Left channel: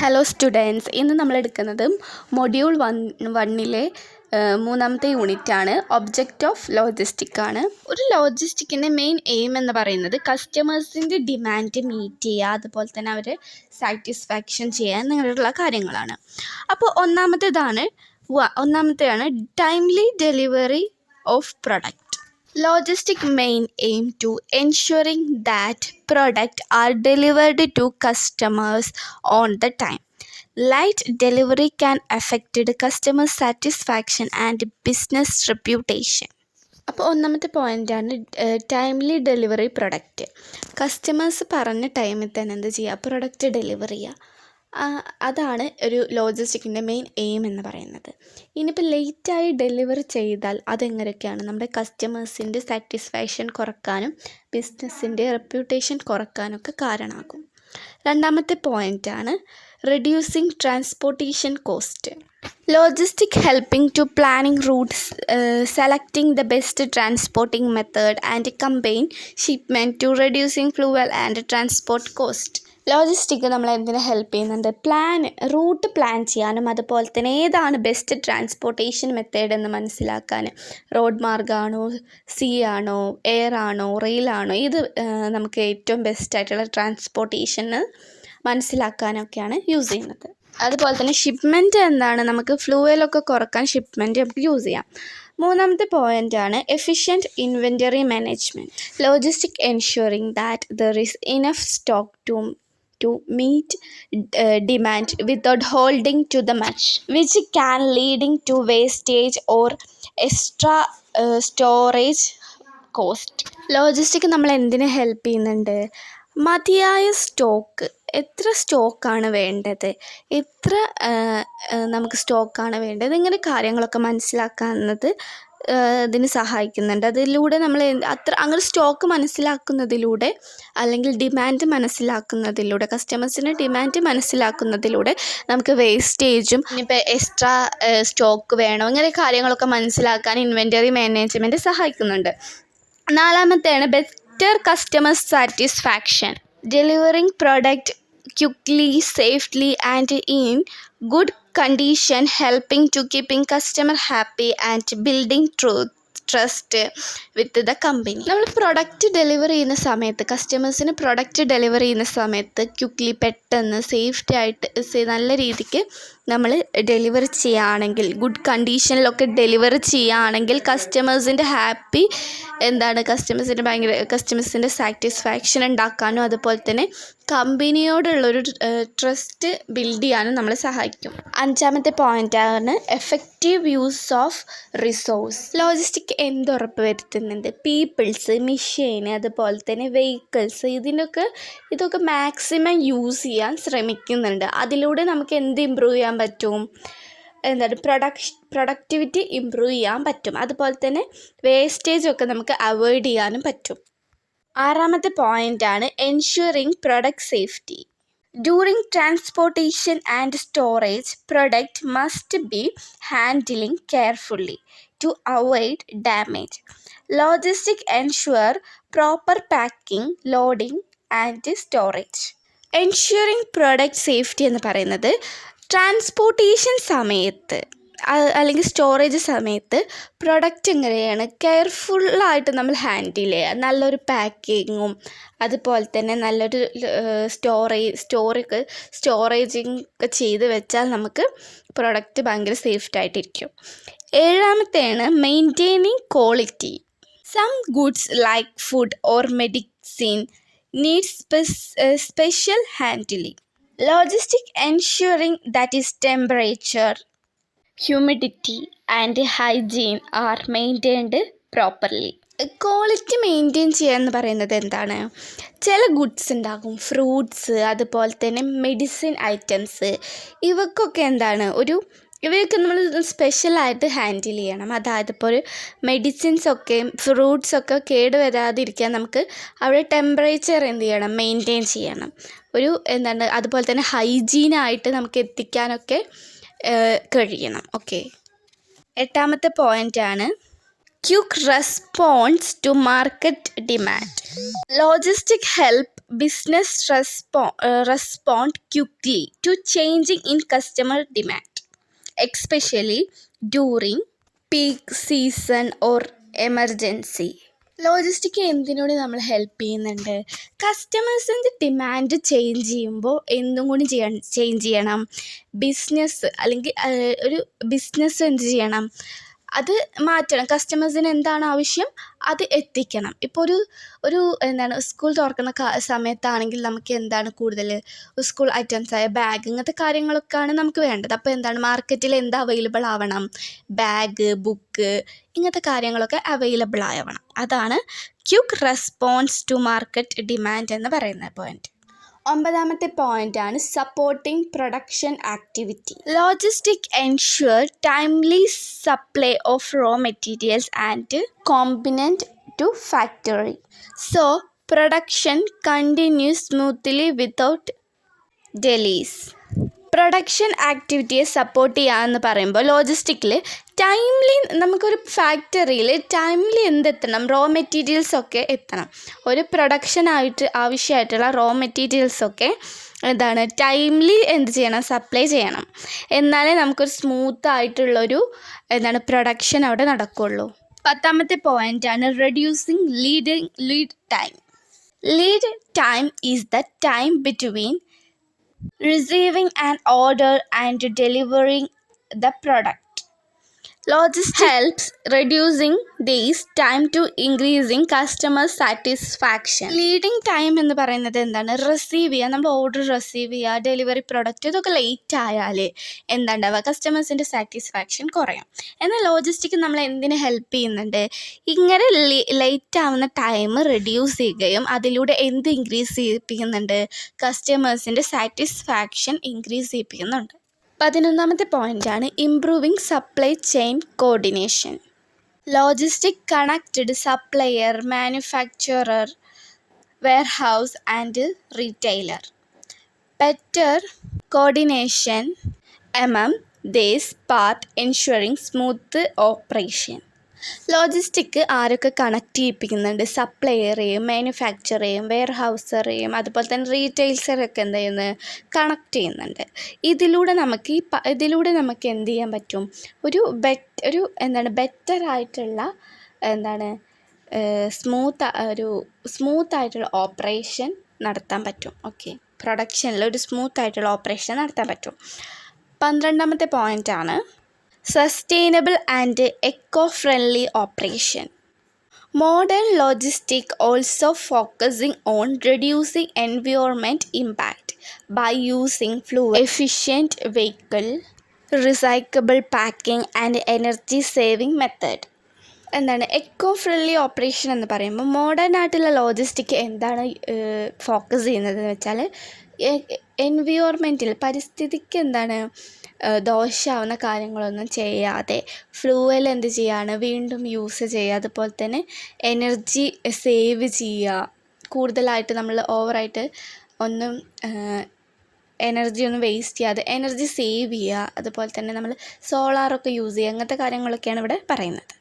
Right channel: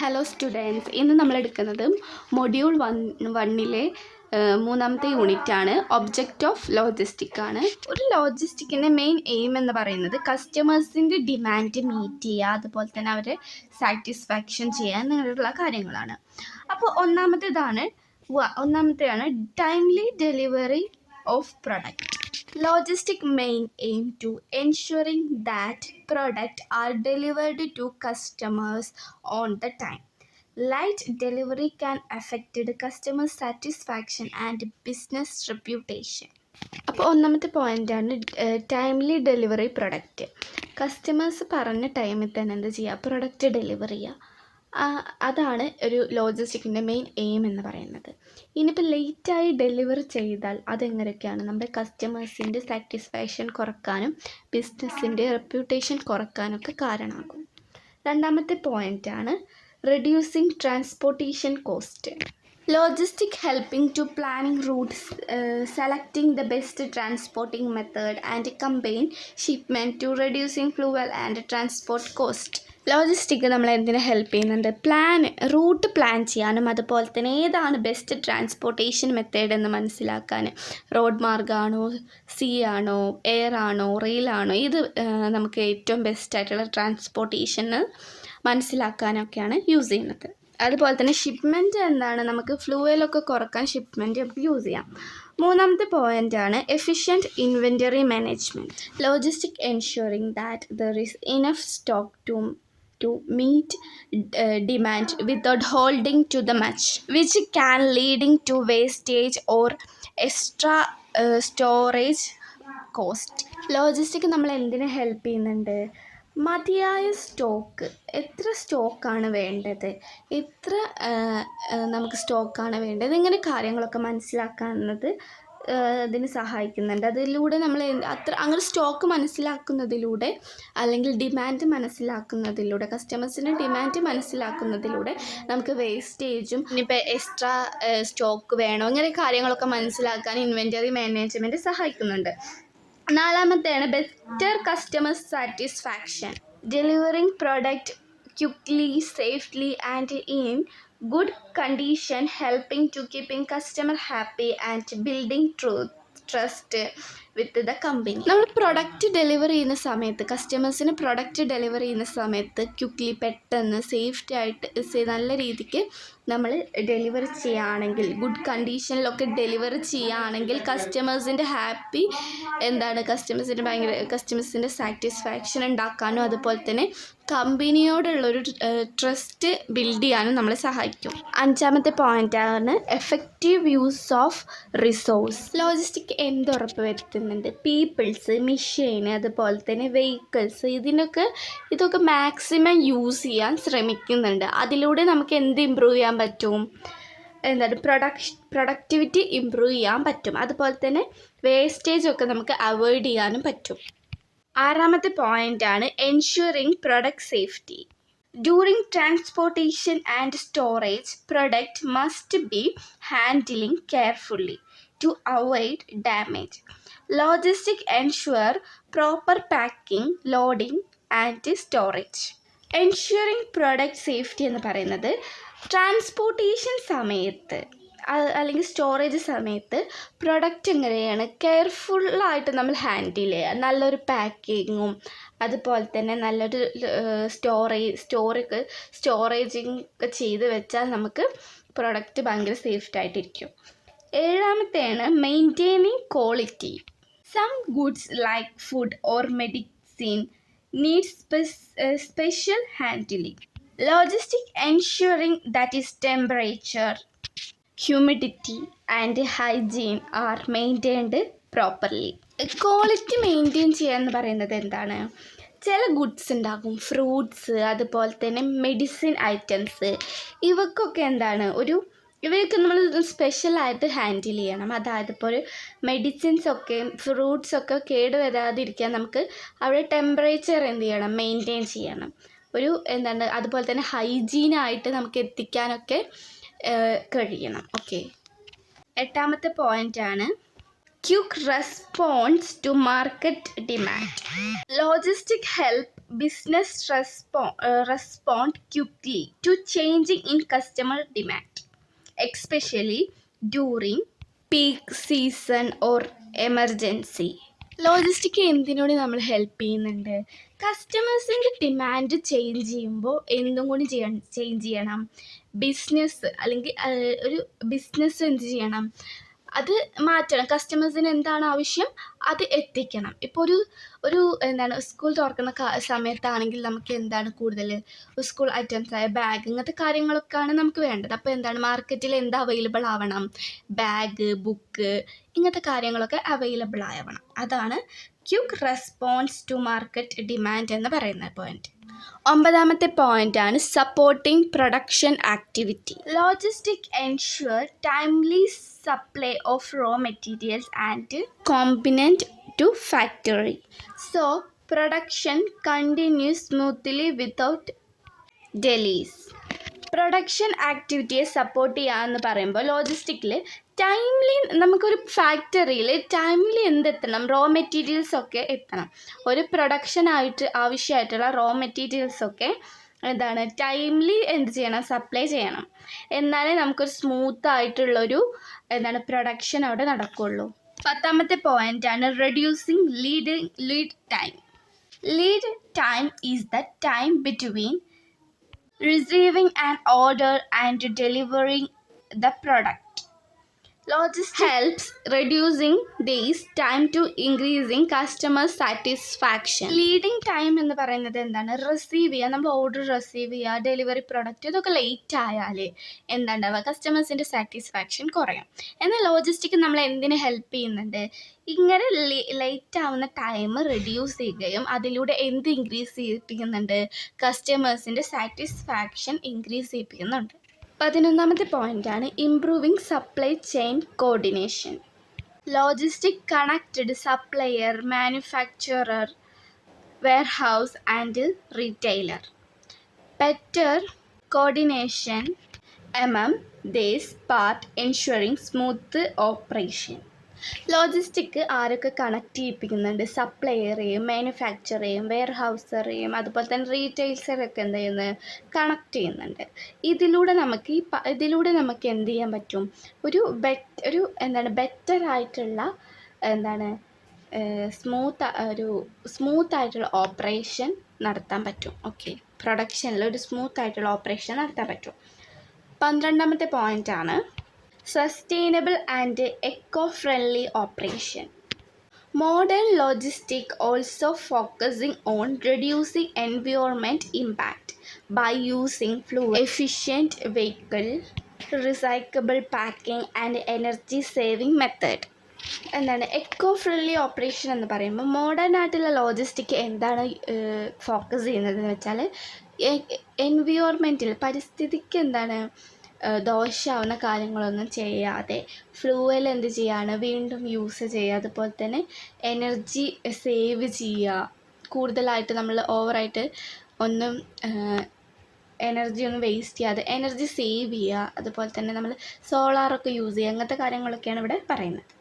Hello students, ഇന്ന് നമ്മൾ എടുക്കുന്നത് മൊഡ്യൂൾ വണ്ണിലെ മൂന്നാമത്തെ യൂണിറ്റാണ്. ഒബ്ജക്റ്റ് ഓഫ് ലോജിസ്റ്റിക് ആണ്. ഒരു ലോജിസ്റ്റിക്കിൻ്റെ മെയിൻ എയിം എന്ന് പറയുന്നത് കസ്റ്റമേഴ്സിൻ്റെ ഡിമാൻഡ് മീറ്റ് ചെയ്യുക, അതുപോലെ തന്നെ അവരെ സാറ്റിസ്ഫാക്ഷൻ ചെയ്യാൻ അങ്ങനെയുള്ള കാര്യങ്ങളാണ്. അപ്പോൾ ഒന്നാമത്തെയാണ് timely delivery of product. Logistic main aim to ensuring that products are delivered to customers on the time. Late delivery can affect the customer satisfaction and business reputation. അപ്പോൾ ഒന്നാമത്തെ പോയിൻ്റാണ് ടൈംലി ഡെലിവറി പ്രൊഡക്റ്റ്. കസ്റ്റമേഴ്സ് പറഞ്ഞ ടൈമിൽ തന്നെ എന്ത് ചെയ്യുക, product delivery ചെയ്യുക. അതാണ് ഒരു ലോജിസ്റ്റിക്കിൻ്റെ മെയിൻ എയിം എന്ന് പറയുന്നത്. ഇനിയിപ്പോൾ ലേറ്റായി ഡെലിവർ ചെയ്താൽ അതെങ്ങനെയൊക്കെയാണ് നമ്മുടെ കസ്റ്റമേഴ്സിൻ്റെ സാറ്റിസ്ഫാക്ഷൻ കുറക്കാനും ബിസിനസ്സിൻ്റെ റെപ്യൂട്ടേഷൻ കുറക്കാനൊക്കെ കാരണമാകും. രണ്ടാമത്തെ പോയിൻ്റാണ് reducing transportation cost. Logistic helping to planning routes, selecting the best transporting method and combine shipment to reducing fuel and transport cost. Logistic നമ്മളെ എന്തിനു ഹെൽപ്പ് ചെയ്യുന്നുണ്ട്? റൂട്ട് പ്ലാൻ ചെയ്യാനും അതുപോലെ തന്നെ ഏതാണ് ബെസ്റ്റ് ട്രാൻസ്പോർട്ടേഷൻ മെത്തേഡ് എന്ന് മനസ്സിലാക്കാൻ. റോഡ് മാർഗ്ഗമാണോ, സീ ആണോ, എയർ ആണോ, റെയിലാണോ, ഇത് നമുക്ക് ഏറ്റവും ബെസ്റ്റായിട്ടുള്ള ട്രാൻസ്പോർട്ടേഷന് മനസ്സിലാക്കാനൊക്കെയാണ് യൂസ് ചെയ്യുന്നത്. അതുപോലെ തന്നെ ഷിപ്മെൻറ്റ് എന്താണ്, നമുക്ക് ഫ്ലൂവലൊക്കെ കുറക്കാൻ ഷിപ്മെൻറ്റ് നമുക്ക് യൂസ് ചെയ്യാം. മൂന്നാമത്തെ പോയിൻ്റാണ് efficient inventory management. Logistic ensuring that there is enough stock to meet demand without holding to the much, which can leading to wastage or extra storage cost. Logistic നമ്മൾ എന്തിനു help ചെയ്യുന്നുണ്ട്? മതിയായ stock, എത്ര സ്റ്റോക്കാണ് വേണ്ടത്, എത്ര നമുക്ക് സ്റ്റോക്കാണ് വേണ്ടത്, ഇങ്ങനെ കാര്യങ്ങളൊക്കെ മനസ്സിലാക്കുന്നത് ഇതിന് സഹായിക്കുന്നുണ്ട്. അതിലൂടെ നമ്മൾ അങ്ങനെ സ്റ്റോക്ക് മനസ്സിലാക്കുന്നതിലൂടെ അല്ലെങ്കിൽ ഡിമാൻഡ് മനസ്സിലാക്കുന്നതിലൂടെ, കസ്റ്റമേഴ്സിൻ്റെ ഡിമാൻഡ് മനസ്സിലാക്കുന്നതിലൂടെ നമുക്ക് വേസ്റ്റേജും ഇപ്പോൾ എക്സ്ട്രാ സ്റ്റോക്ക് വേണോ, ഇങ്ങനെ കാര്യങ്ങളൊക്കെ മനസ്സിലാക്കാൻ ഇൻവെൻറ്ററി മാനേജ്മെൻറ്റ് സഹായിക്കുന്നുണ്ട്. നാലാമത്തെയാണ് better customer satisfaction. Delivering product quickly, safely and in good condition, helping to keeping customer happy and building trust with the company. നമ്മൾ പ്രൊഡക്റ്റ് ഡെലിവറി ചെയ്യുന്ന സമയത്ത്, കസ്റ്റമേഴ്സിന് പ്രൊഡക്റ്റ് ഡെലിവറി ചെയ്യുന്ന സമയത്ത് ക്വിക്ക്ലി, പെട്ടെന്ന്, സേഫ്റ്റി ആയിട്ട് നല്ല രീതിക്ക് നമ്മൾ ഡെലിവറി ചെയ്യുകയാണെങ്കിൽ, ഗുഡ് കണ്ടീഷനിലൊക്കെ ഡെലിവറി ചെയ്യുകയാണെങ്കിൽ കസ്റ്റമേഴ്സിൻ്റെ ഹാപ്പി കസ്റ്റമേഴ്സിൻ്റെ സാറ്റിസ്ഫാക്ഷൻ ഉണ്ടാക്കാനും അതുപോലെ തന്നെ കമ്പനിയോടുള്ളൊരു ട്രസ്റ്റ് ബിൽഡ് ചെയ്യാനും നമ്മളെ സഹായിക്കും. അഞ്ചാമത്തെ പോയിൻ്റാണ് effective use of resource. Logistic എന്തുറപ്പ് വരുത്തുന്നുണ്ട്? പീപ്പിൾസ്, മെഷീൻ, അതുപോലെ തന്നെ വെഹിക്കിൾസ്, ഇതൊക്കെ മാക്സിമം യൂസ് ചെയ്യാൻ ശ്രമിക്കുന്നുണ്ട്. അതിലൂടെ നമുക്ക് എന്ത് ഇമ്പ്രൂവ് ചെയ്യാൻ പറ്റും? പ്രൊഡക്ടിവിറ്റി ഇമ്പ്രൂവ് ചെയ്യാൻ പറ്റും. അതുപോലെ തന്നെ വേസ്റ്റേജൊക്കെ നമുക്ക് അവോയ്ഡ് ചെയ്യാനും പറ്റും. ആറാമത്തെ പോയിൻ്റാണ് ensuring product safety. During transportation and storage, product must be handling carefully to avoid damage. Logistic ensure proper packing, loading and storage. Ensuring product safety എന്ന് പറയുന്നത് ട്രാൻസ്പോർട്ടേഷൻ സമയത്ത് അല്ലെങ്കിൽ സ്റ്റോറേജ് സമയത്ത് പ്രൊഡക്റ്റ് എങ്ങനെയാണ് കെയർഫുള്ളായിട്ട് നമ്മൾ ഹാൻഡിൽ ചെയ്യുക. നല്ലൊരു പാക്കിങ്ങും അതുപോലെ തന്നെ നല്ലൊരു സ്റ്റോറേജിങ് ഒക്കെ ചെയ്ത് വെച്ചാൽ നമുക്ക് പ്രൊഡക്റ്റ് ഭയങ്കര സേഫ്റ്റായിട്ടിരിക്കും. ഏഴാമത്തെയാണ് maintaining quality. Some goods like food or medicine needs special handling. Logistic ensuring that is temperature, humidity and hygiene are maintained properly. Quality maintain ചെയ്യുക എന്ന് പറയുന്നത് എന്താണ്? ചില ഗുഡ്സ് ഉണ്ടാകും, ഫ്രൂട്ട്സ്, അതുപോലെ തന്നെ മെഡിസിൻ ഐറ്റംസ്, ഇവയ്ക്കൊക്കെ ഇവയൊക്കെ നമ്മൾ സ്പെഷ്യലായിട്ട് ഹാൻഡിൽ ചെയ്യണം. അതായത് ഇപ്പോൾ ഒരു മെഡിസിൻസൊക്കെ, ഫ്രൂട്ട്സൊക്കെ കേടുവരാതിരിക്കാൻ നമുക്ക് അവിടെ ടെമ്പറേച്ചർ മെയിൻറ്റെയിൻ ചെയ്യണം. അതുപോലെ തന്നെ ഹൈജീനായിട്ട് നമുക്ക് എത്തിക്കാനൊക്കെ കഴിയണം. ഓക്കെ. എട്ടാമത്തെ പോയിൻ്റാണ് quick response to market demand. Logistic help business respond quickly to changing in customer demand, especially during peak season or emergency. ലോജിസ്റ്റിക് എന്തിനോട് നമ്മൾ ഹെൽപ്പ് ചെയ്യുന്നുണ്ട്? കസ്റ്റമേഴ്സിൻ്റെ ഡിമാൻഡ് ചേഞ്ച് ചെയ്യുമ്പോൾ എന്തും കൂടി ചേഞ്ച് ചെയ്യണം. ബിസിനസ് അല്ലെങ്കിൽ ഒരു ബിസിനസ് എന്ത് ചെയ്യണം? അത് മാറ്റണം. കസ്റ്റമേഴ്സിന് എന്താണ് ആവശ്യം അത് എത്തിക്കണം. ഇപ്പോൾ ഒരു സ്കൂൾ തുറക്കുന്ന സമയത്താണെങ്കിൽ നമുക്ക് എന്താണ് കൂടുതൽ സ്കൂൾ ഐറ്റംസായ ബാഗ് ഇങ്ങനത്തെ കാര്യങ്ങളൊക്കെയാണ് നമുക്ക് വേണ്ടത്. അപ്പോൾ എന്താണ് മാർക്കറ്റിൽ എന്താ അവൈലബിൾ ആവണം? ബാഗ്, ബുക്ക് ഇങ്ങനത്തെ കാര്യങ്ങളൊക്കെ അവൈലബിൾ ആവണം. അതാണ് quick response to market demand എന്ന് പറയുന്ന പോയിന്റ്. 9ാമത്തെ പോയിൻ്റാണ് supporting production activity. Logistic ensure timely supply of raw materials and component to factory. So production continues smoothly without delays. Production ആക്ടിവിറ്റിയെ സപ്പോർട്ട് ചെയ്യാമെന്ന് പറയുമ്പോൾ ലോജിസ്റ്റിക്കിൽ ടൈംലി നമുക്കൊരു ഫാക്ടറിയിൽ ടൈംലി എന്തെത്തണം? റോ മെറ്റീരിയൽസൊക്കെ എത്തണം. ഒരു പ്രൊഡക്ഷനായിട്ട് ആവശ്യമായിട്ടുള്ള റോ മെറ്റീരിയൽസൊക്കെ എന്താണ് ടൈംലി എന്ത് ചെയ്യണം? സപ്ലൈ ചെയ്യണം. എന്നാലേ നമുക്കൊരു സ്മൂത്തായിട്ടുള്ളൊരു പ്രൊഡക്ഷൻ അവിടെ നടക്കുകയുള്ളൂ. 10ാമത്തെ പോയിൻ്റാണ് reducing lead time. Lead time is the time between receiving an order and delivering the product. Logistics helps reducing this time to increasing customer satisfaction. Leading time എന്ന് പറയുന്നത് എന്താണ്? റിസീവ് ചെയ്യുക, നമ്മൾ ഓർഡർ റിസീവ് ചെയ്യുക, delivery product ഇതൊക്കെ late ആയാൽ എന്താണ്ടാവുക? കസ്റ്റമേഴ്സിൻ്റെ satisfaction കുറയും. എന്നാൽ ലോജിസ്റ്റിക് നമ്മൾ എന്തിന് ഹെൽപ്പ് ചെയ്യുന്നുണ്ട്? ഇങ്ങനെ ലേറ്റ് ആവുന്ന ടൈം റെഡ്യൂസ് ചെയ്യുകയും അതിലൂടെ എന്ത് ഇൻക്രീസ് ചെയ്യിപ്പിക്കുന്നുണ്ട്? കസ്റ്റമേഴ്സിൻ്റെ സാറ്റിസ്ഫാക്ഷൻ ഇൻക്രീസ് ചെയ്യിപ്പിക്കുന്നുണ്ട്. 11ാമത്തെ പോയിൻ്റാണ് improving supply chain coordination. Logistic connected supplier, manufacturer, warehouse and retailer. Better coordination among this part ensuring smooth operation. Logistic ആരൊക്കെ കണക്ട് ചെയ്യിപ്പിക്കുന്നുണ്ട്? സപ്ലയറേയും മാനുഫാക്ചറേയും വെയർഹൗസറേയും അതുപോലെ തന്നെ റീറ്റെയിൽസറൊക്കെ എന്ത് ചെയ്യുന്നത്? കണക്ട് ചെയ്യുന്നുണ്ട്. ഇതിലൂടെ നമുക്ക് എന്ത് ചെയ്യാൻ പറ്റും? ഒരു ബെറ്ററായിട്ടുള്ള സ്മൂത്തായിട്ടുള്ള ഓപ്പറേഷൻ നടത്താൻ പറ്റും. ഓക്കെ, പ്രൊഡക്ഷനിൽ ഒരു സ്മൂത്തായിട്ടുള്ള ഓപ്പറേഷൻ നടത്താൻ പറ്റും. 12ാമത്തെ പോയിൻ്റാണ് sustainable and echo-friendly operation. Modern logistics also focusing on reducing environment impact by using fuel-efficient vehicle, recyclable packing and energy-saving method. Eco friendly operation എന്ന് പറയുമ്പോൾ മോഡേൺ ആയിട്ടുള്ള ലോജിസ്റ്റിക് എന്താണ് ഫോക്കസ് ചെയ്യുന്നതെന്ന് വെച്ചാൽ എൻവിയോൺമെൻറ്റിൽ പരിസ്ഥിതിക്ക് ദോഷമാവുന്ന കാര്യങ്ങളൊന്നും ചെയ്യാതെ ഫ്ലൂവൽ എന്ത് ചെയ്യുകയാണ്? വീണ്ടും യൂസ് ചെയ്യുക. അതുപോലെ തന്നെ എനർജി സേവ് ചെയ്യുക. കൂടുതലായിട്ട് നമ്മൾ ഓവറായിട്ട് എനർജി ഒന്നും വേസ്റ്റ് ചെയ്യാതെ എനർജി സേവ് ചെയ്യുക. അതുപോലെ തന്നെ നമ്മൾ സോളാറൊക്കെ യൂസ് ചെയ്യുക. അങ്ങനത്തെ കാര്യങ്ങളൊക്കെയാണ് ഇവിടെ പറയുന്നത്.